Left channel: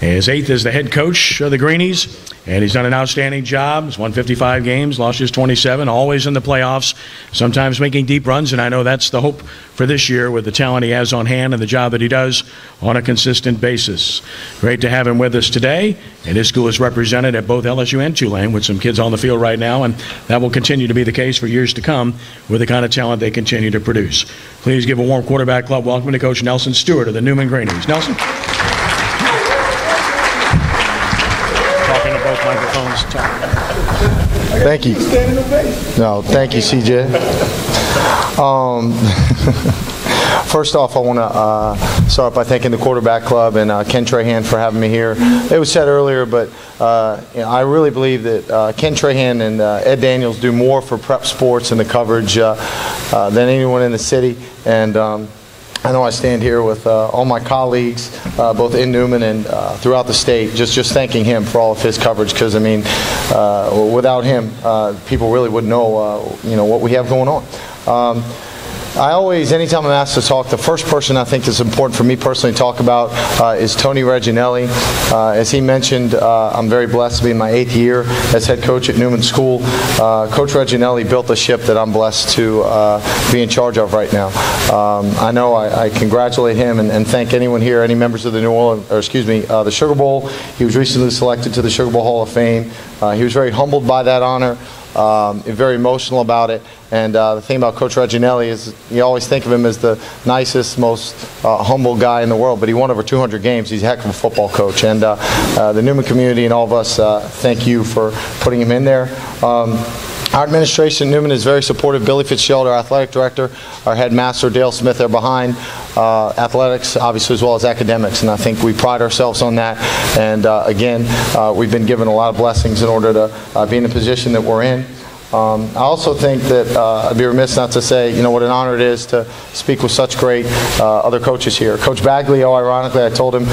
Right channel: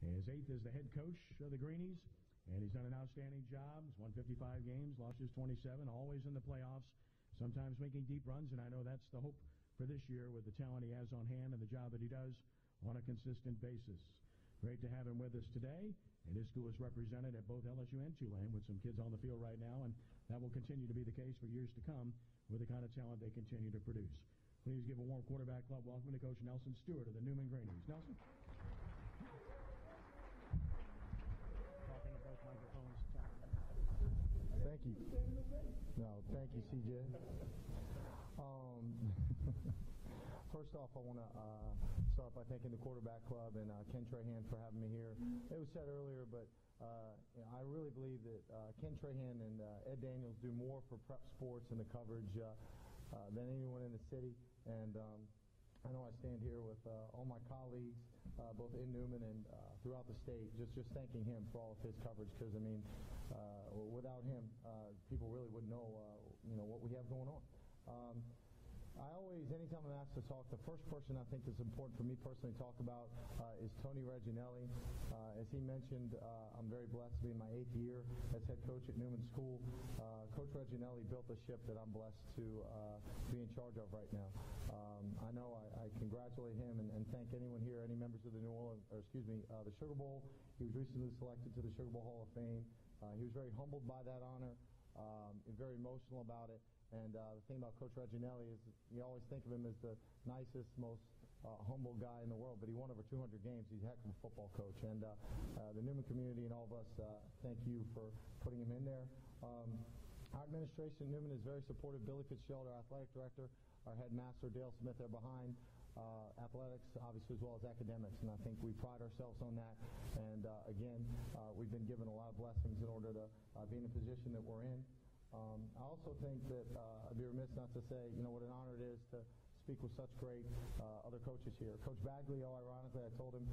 His 8th as the head coach of the Greenies, and he's done an outstanding job. He's won 55 games, lost his 27, always in the playoffs, sometimes making deep runs, and I know that's the hope for this year with the talent he has on hand and the job that he does on a consistent basis. Great to have him with us today, and his school is represented at both LSU and Tulane with some kids on the field right now, and that will continue to be the case for years to come with the kind of talent they continue to produce. Please give a warm quarterback club welcome to Coach Nelson Stewart of the Newman Greenies. Nelson? Talking to both microphones. Thank you. No, thank you, CJ. First off, I want to start by thanking the quarterback club and Ken Trahan for having me here. It was said earlier, but I really believe that Ken Trahan and Ed Daniels do more for prep sports and the coverage than anyone in the city. And I know I stand here with all my colleagues, both in Newman and throughout the state, just thanking him for all of his coverage. Because I mean, without him, people really wouldn't know, what we have going on. I always, anytime I'm asked to talk, the first person I think is important for me personally to talk about is Tony Reginelli. As he mentioned, I'm very blessed to be in my 8th year as head coach at Newman School. Coach Reginelli built a ship that I'm blessed to be in charge of right now. I know I congratulate him and thank anyone here, any members of the the Sugar Bowl. He was recently selected to the Sugar Bowl Hall of Fame. He was very humbled by that honor. Very emotional about it, and the thing about Coach Reginelli is you always think of him as the nicest, most humble guy in the world, but he won over 200 games. He's a heck of a football coach, and the Newman community and all of us thank you for putting him in there. Our administration at Newman is very supportive. Billy Fitzgerald, our athletic director, our headmaster, Dale Smith, they're behind athletics, obviously, as well as academics, and I think we pride ourselves on that. And again, we've been given a lot of blessings in order to be in the position that we're in. I also think that I'd be remiss not to say, what an honor it is to speak with such great other coaches here. Coach Baglio, ironically, I told him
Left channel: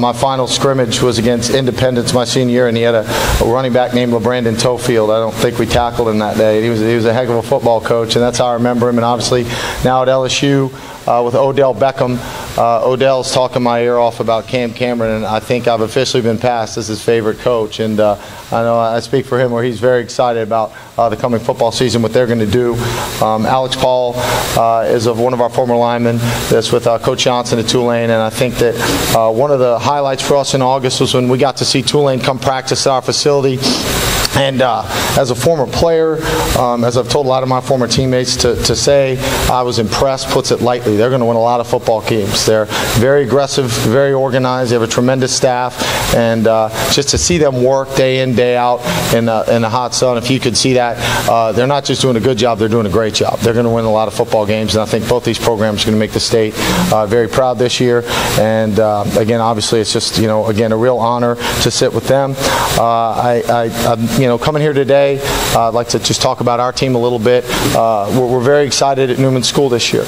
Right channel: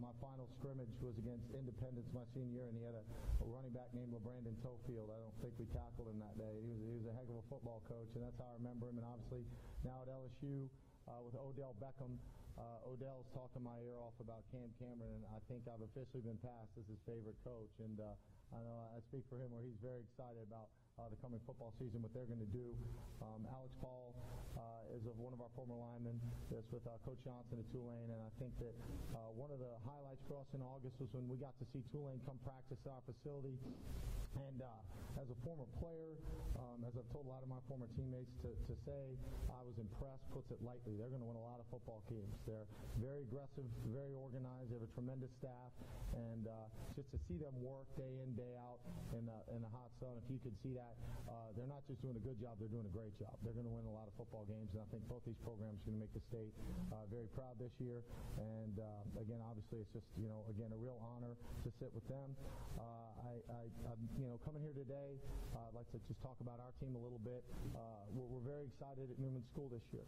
my final scrimmage was against Independence my senior year, and he had a running back named LeBrandon Tofield. I don't think we tackled him that day. He was a heck of a football coach, and that's how I remember him. And obviously, now at LSU, with Odell Beckham. Odell's talking my ear off about Cam Cameron, and I think I've officially been passed as his favorite coach. And I know I speak for him where he's very excited about the coming football season, what they're going to do. Alex Paul is of one of our former linemen that's with Coach Johnson at Tulane, and I think that one of the highlights for us in August was when we got to see Tulane come practice at our facility. And as a former player, as I've told a lot of my former teammates to say, I was impressed, puts it lightly. They're going to win a lot of football games. They're very aggressive, very organized. They have a tremendous staff. And just to see them work day in, day out in the hot sun, if you could see that, they're not just doing a good job, they're doing a great job. They're going to win a lot of football games. And I think both these programs are going to make the state very proud this year. And again, obviously, it's just, again, a real honor to sit with them. Coming here today, I'd like to just talk about our team a little bit. We're very excited at Newman School this year.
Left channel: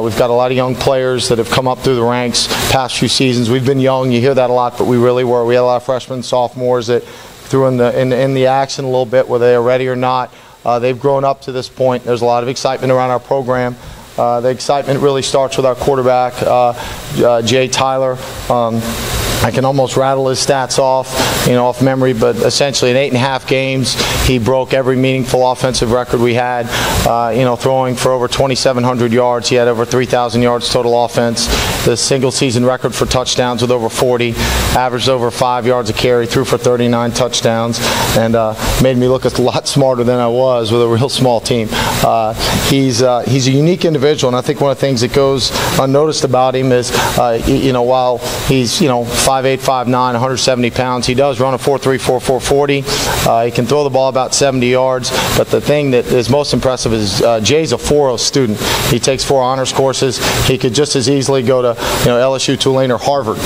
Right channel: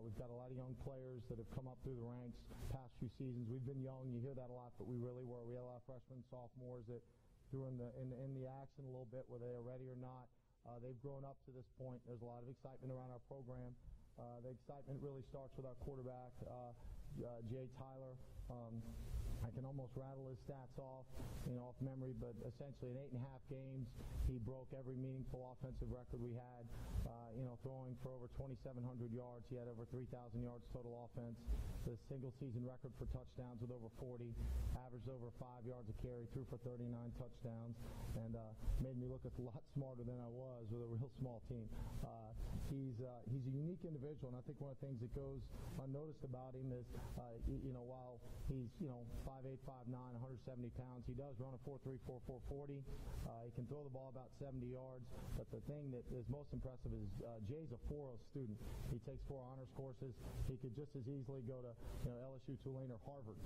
We've got a lot of young players that have come up through the ranks past few seasons. We've been young, you hear that a lot, but we really were. We had a lot of freshmen, sophomores that threw in the action a little bit, whether they are ready or not. They've grown up to this point. There's a lot of excitement around our program. The excitement really starts with our quarterback, Jay Tyler. I can almost rattle his stats off memory, but essentially in 8.5 games, he broke every meaningful offensive record we had, throwing for over 2,700 yards. He had over 3,000 yards total offense. The single season record for touchdowns with over 40, averaged over 5 yards a carry, threw for 39 touchdowns, and made me look a lot smarter than I was with a real small team. He's a unique individual, and I think one of the things that goes unnoticed about him is, while he's, 5'8", 5'9", 170 pounds. He does run a 4.34, 440. He can throw the ball about 70 yards. But the thing that is most impressive is Jay's a 4.0 student. He takes 4 honors courses. He could just as easily go to LSU, Tulane, or Harvard.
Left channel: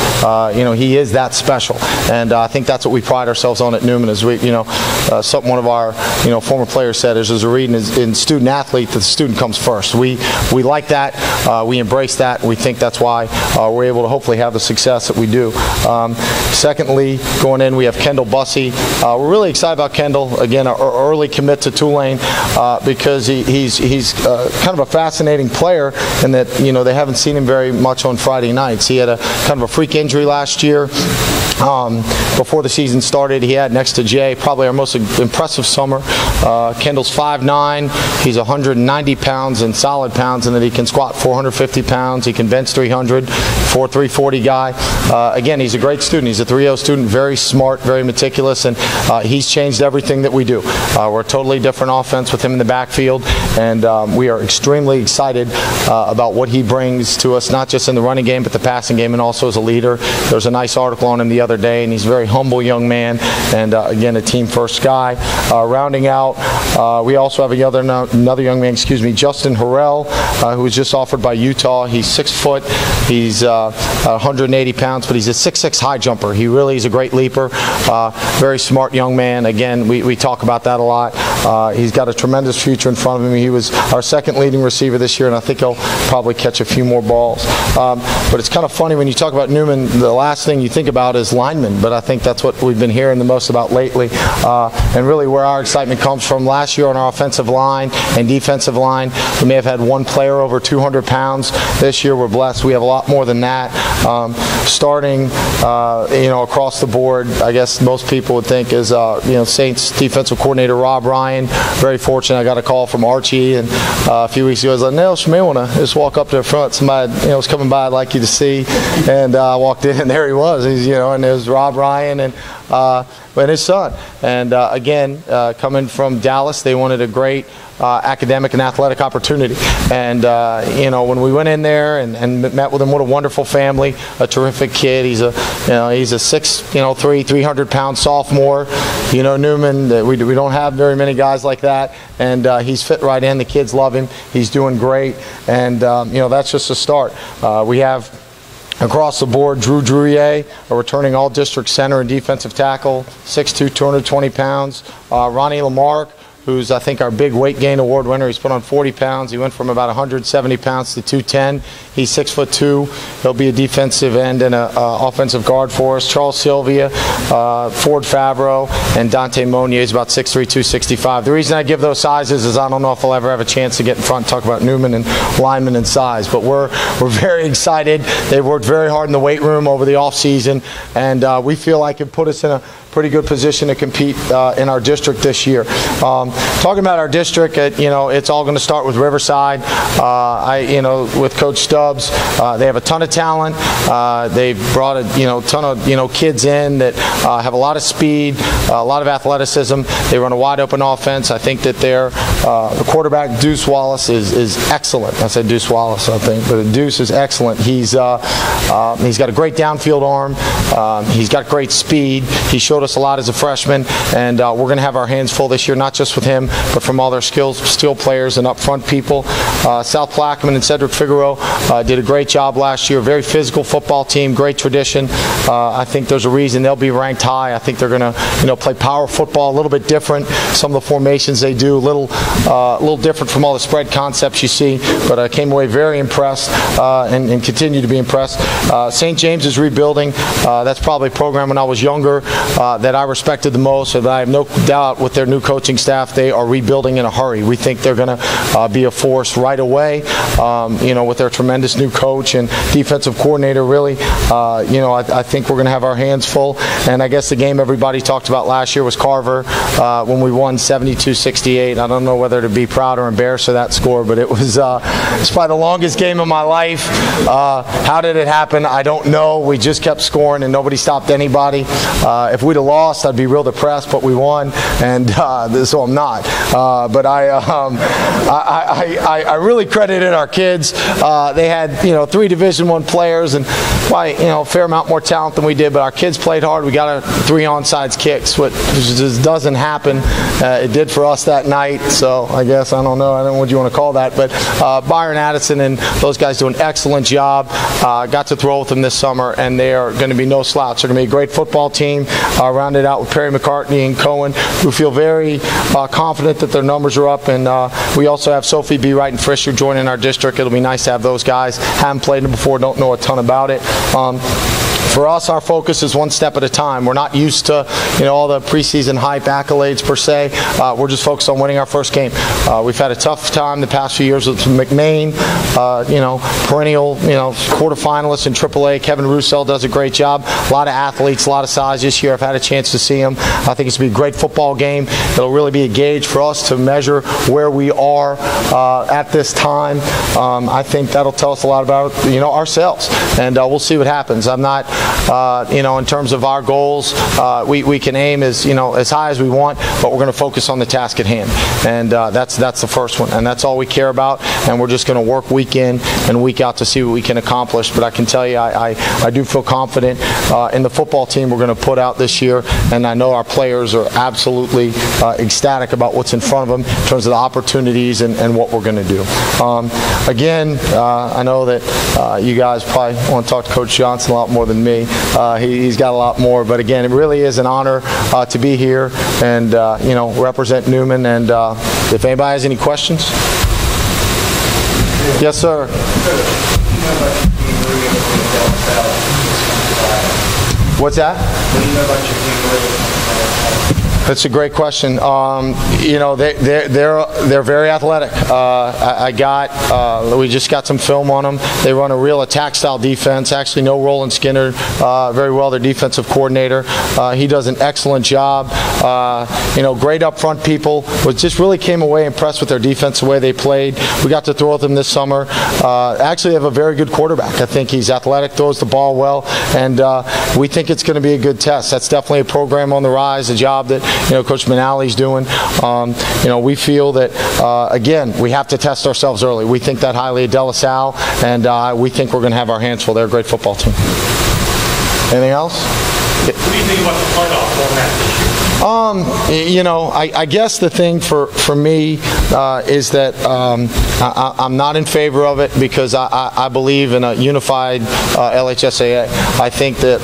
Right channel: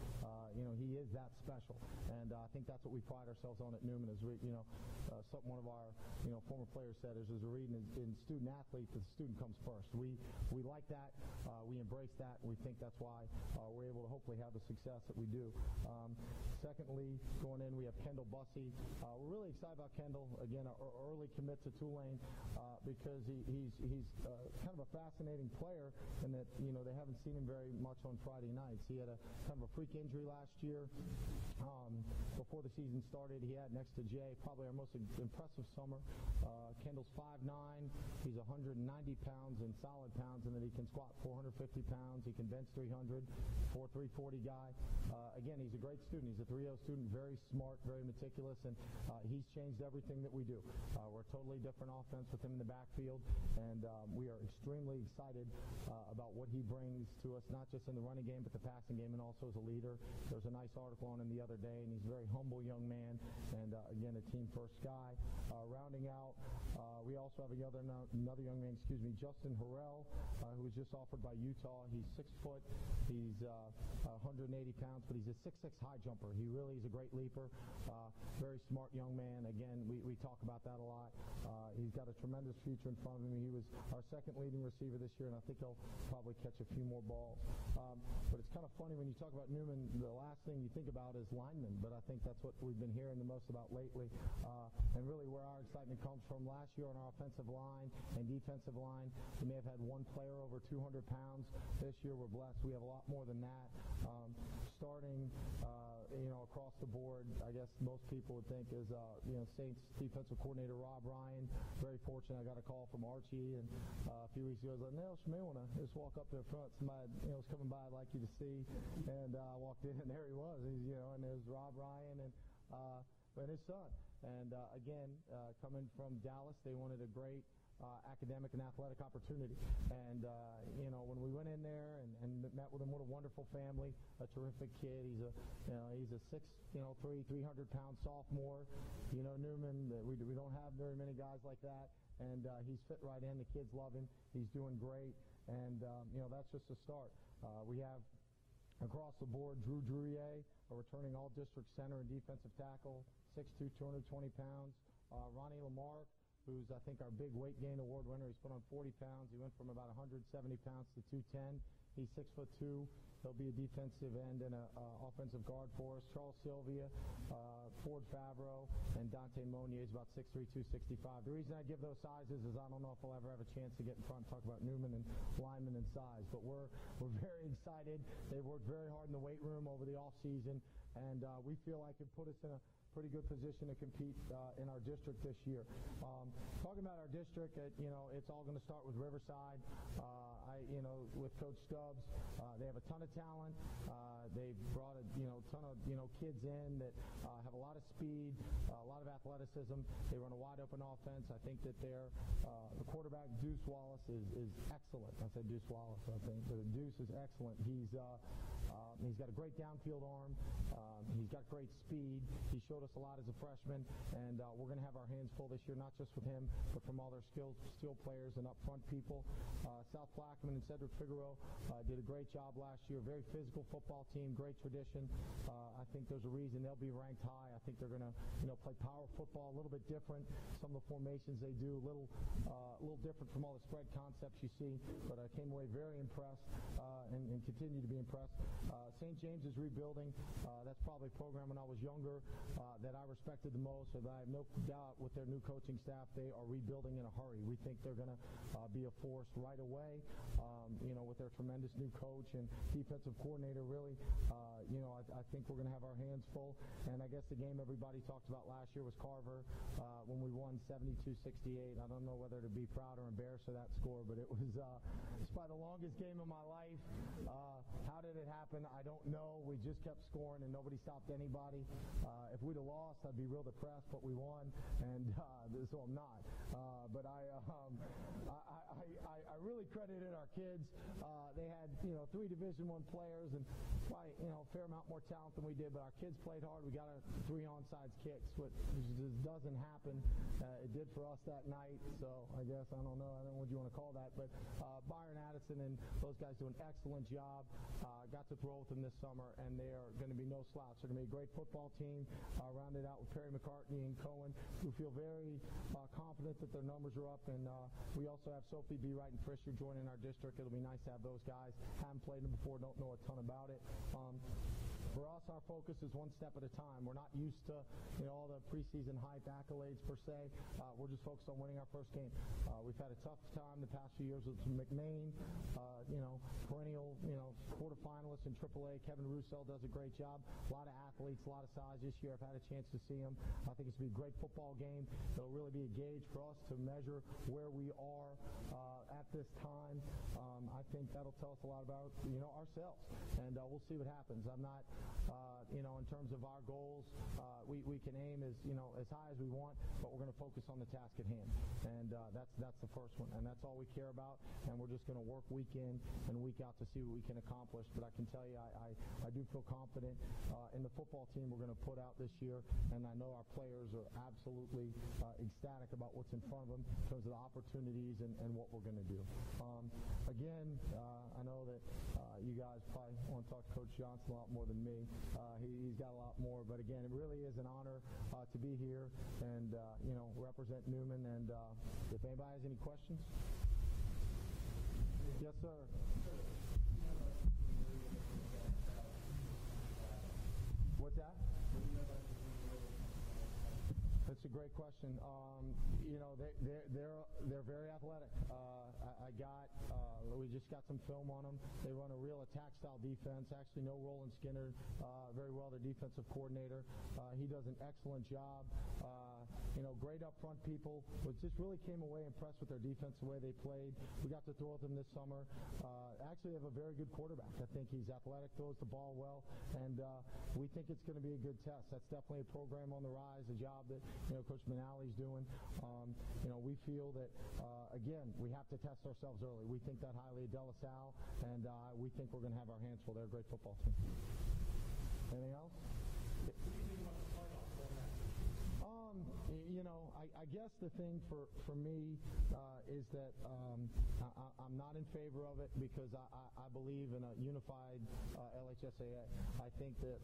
He is that special. And I think that's what we pride ourselves on at Newman. Is something one of our former players said is a reading in student athlete that the student comes first. We like that. We embrace that. We think that's why we're able to hopefully have the success that we do. Secondly, going in, we have Kendall Bussey. We're really excited about Kendall. Again, an early commit to Tulane because he's kind of a fascinating player in that they haven't seen him very much on Friday nights. He had a kind of a freak injury last year. Before the season started, he had next to Jay probably our most impressive summer. Kendall's 5'9". He's 190 pounds in solid pounds, and then he can squat 450 pounds. He can bench 300, 4'3", guy. Again, he's a great student. He's a 3.0 student, very smart, very meticulous, and he's changed everything that we do. We're a totally different offense with him in the backfield, and we are extremely excited about what he brings to us, not just in the running game, but the passing game, and also as a leader. There's a nice article on him the other day, and he's a very humble young man, and again, a team-first guy. Rounding out, we also have another young man, Justin Harrell, who was just offered by Utah. He's 6 foot, he's 180 pounds, but he's a 6'6" high jumper. He really is a great leaper, very smart young man. Again, we talk about that a lot. He's got a tremendous future in front of him. He was our second leading receiver this year, and I think he'll probably catch a few more balls. But it's kind of funny when you talk about Newman, the last thing you think about is linemen, but I think that's what we've been hearing the most about lately, and really where our excitement comes from. Last year on our offensive line and defensive line, we may have had one player over 200 pounds. This year we're blessed. We have a lot more than that. Starting, across the board, I guess most people would think is, Saints defensive coordinator Rob Ryan. Very fortunate. I got a call from Archie, and a few weeks ago I was like, Nels, you may want to just walk up to the front. Somebody, was coming by I'd like you to see, and I walked in, and there he was. He's, and there's Rob Ryan and his son. And again, coming from Dallas, they wanted a great academic and athletic opportunity. And when we went in there and met with him, what a wonderful family, a terrific kid. He's a 6'3", 300-pound sophomore. Newman, we don't have very many guys like that, and he's fit right in. The kids love him. He's doing great, and that's just a start. We have across the board, Drew Druyer, a returning all-district center and defensive tackle, 6'2", 220 pounds. Ronnie Lamarck, who's, I think, our big weight gain award winner. He's put on 40 pounds. He went from about 170 pounds to 210. He's 6'2". He'll be a defensive end and an offensive guard for us. Charles Sylvia, Ford Favreau, and Dante Monier is about 6'3", 265. The reason I give those sizes is I don't know if I'll ever have a chance to get in front and talk about Newman and linemen and size, but we're very excited. They've worked very hard in the weight room over the off season, and we feel like it put us in a pretty good position to compete in our district this year. Talking about our district, it's all going to start with Riverside. With Coach Stubbs, they have a ton of talent. They've brought a ton of kids in that have a lot of speed, a lot of athleticism. They run a wide open offense. I think that their the quarterback Deuce Wallace is excellent. I said Deuce Wallace, I think, but Deuce is excellent. He's got a great downfield arm. He's got great speed. He showed us a lot as a freshman, and we're going to have our hands full this year, not just with him, but from all their skill players and up front people. South Plaquemine and Cedric Figueroa did a great job last year. Very physical football team, great tradition. I think there's a reason they'll be ranked high. I think they're going to play power football, a little bit different. Some of the formations they do, a little different from all the spread concepts you see, but I came away very impressed and continue to be impressed. St. James is rebuilding. That's probably a program when I was younger that I respected the most, and I have no doubt with their new coaching staff, they are rebuilding in a hurry. We think they're going to be a force right away, with their tremendous new coach and defensive coordinator, really. I think we're going to have our hands full, and I guess the game everybody talked about last year was Carver when we won 72-68. I don't know whether to be proud or embarrassed of that score, but it was probably the longest game of my life. How did it happen? I don't know. We just kept scoring, and nobody stopped anybody. If we'd have lost, I'd be real depressed, but we won, and so I'm not. But I really credited our kids. They had 3 Division I players and probably a fair amount more talent than we did, but our kids played hard. We got 3 onside kicks, which just doesn't happen. It did for us that night, so I guess I don't know what you want to call that, but Byron Addison and those guys do an excellent job. Got to throw with them this summer, and they are going to be no slouch. They're going to be a great football team. Rounded out with Perry McCartney and Cohen, who feel very confident that their numbers are up, and we also have Sophie B. Wright and Fisher joining our district. It'll be nice to have those guys. Haven't played them before, don't know a ton about it. for us, our focus is one step at a time. We're not used to, all the preseason hype, accolades per se. We're just focused on winning our first game. We've had a tough time the past few years with McMain, perennial, quarterfinalist in AAA. Kevin Roussel does a great job. A lot of athletes, a lot of size this year. I've had a chance to see them. I think it's going to be a great football game. It'll really be a gauge for us to measure where we are at this time. I think that'll tell us a lot about ourselves, and we'll see what happens. I'm not, in terms of our goals, we can aim as high as we want, but we're going to focus on the task at hand, and that's the first one, and that's all we care about. And we're just going to work week in and week out to see what we can accomplish. But I can tell you, I do feel confident in the football team we're going to put out this year, and I know our players are absolutely ecstatic about what's in front of them in terms of the opportunities and what we're going to do. Again, I know that you guys probably want to talk to Coach Johnson a lot more than me. He's got a lot more, but again, it really is an honor to be here and represent Newman. And if anybody has any questions. Yes, sir. What's that? What do you know about your team? That's a great question. They're very athletic. We just got some film on them. They run a real attack style defense. Actually, no Roland Skinner very well, their defensive coordinator. He does an excellent job. Great up front people. Just really came away impressed with their defense, the way they played. We got to throw with them this summer. Actually, have a very good quarterback. I think he's athletic, throws the ball well, and we think it's going to be a good test. That's definitely a program on the rise, a job that Coach Manali's doing. We feel that, again, we have to test ourselves early. We think that highly of De La Salle, and we think we're going to have our hands full. They're a great football team. Anything else? What do you think about the playoff format this year? I guess the thing for me is that I'm not in favor of it because I believe in a unified LHSAA. I think that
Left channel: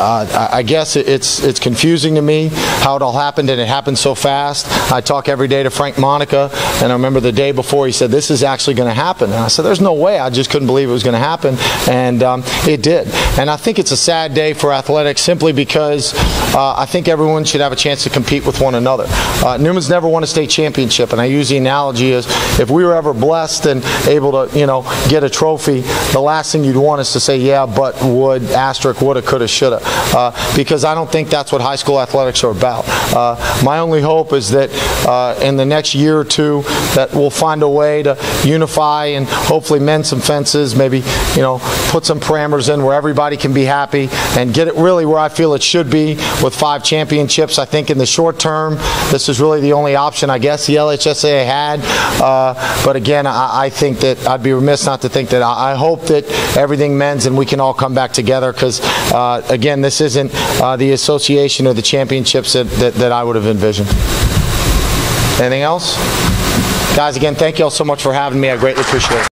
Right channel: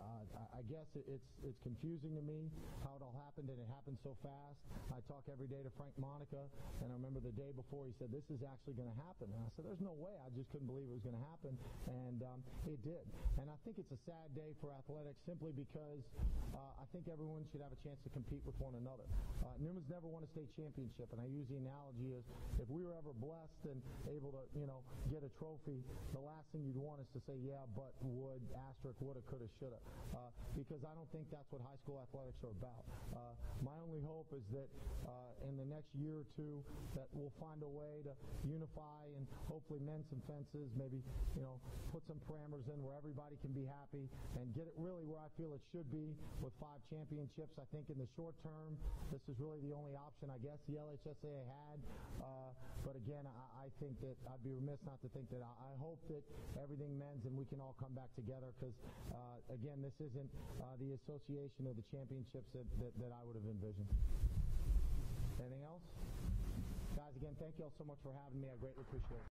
I guess it's confusing to me how it all happened, and it happened so fast. I talk every day to Frank Monica, and I remember the day before he said, this is actually going to happen. And I said, there's no way. I just couldn't believe it was going to happen, and it did. And I think it's a sad day for athletics simply because I think everyone should have a chance to compete with one another. Newman's never won a state championship, and I use the analogy as if we were ever blessed and able to, get a trophy, the last thing you'd want is to say, yeah, but would, asterisk, woulda, coulda, shoulda. Because I don't think that's what high school athletics are about. My only hope is that in the next year or two that we'll find a way to unify and hopefully mend some fences, maybe put some parameters in where everybody can be happy and get it really where I feel it should be with 5 championships. I think in the short term this is really the only option I guess the LHSAA had. But again, I think that I'd be remiss not to think that I hope that everything mends and we can all come back together because again, this isn't the association or the championships that I would have envisioned. Anything else? Guys, again, thank you all so much for having me. I greatly appreciate it.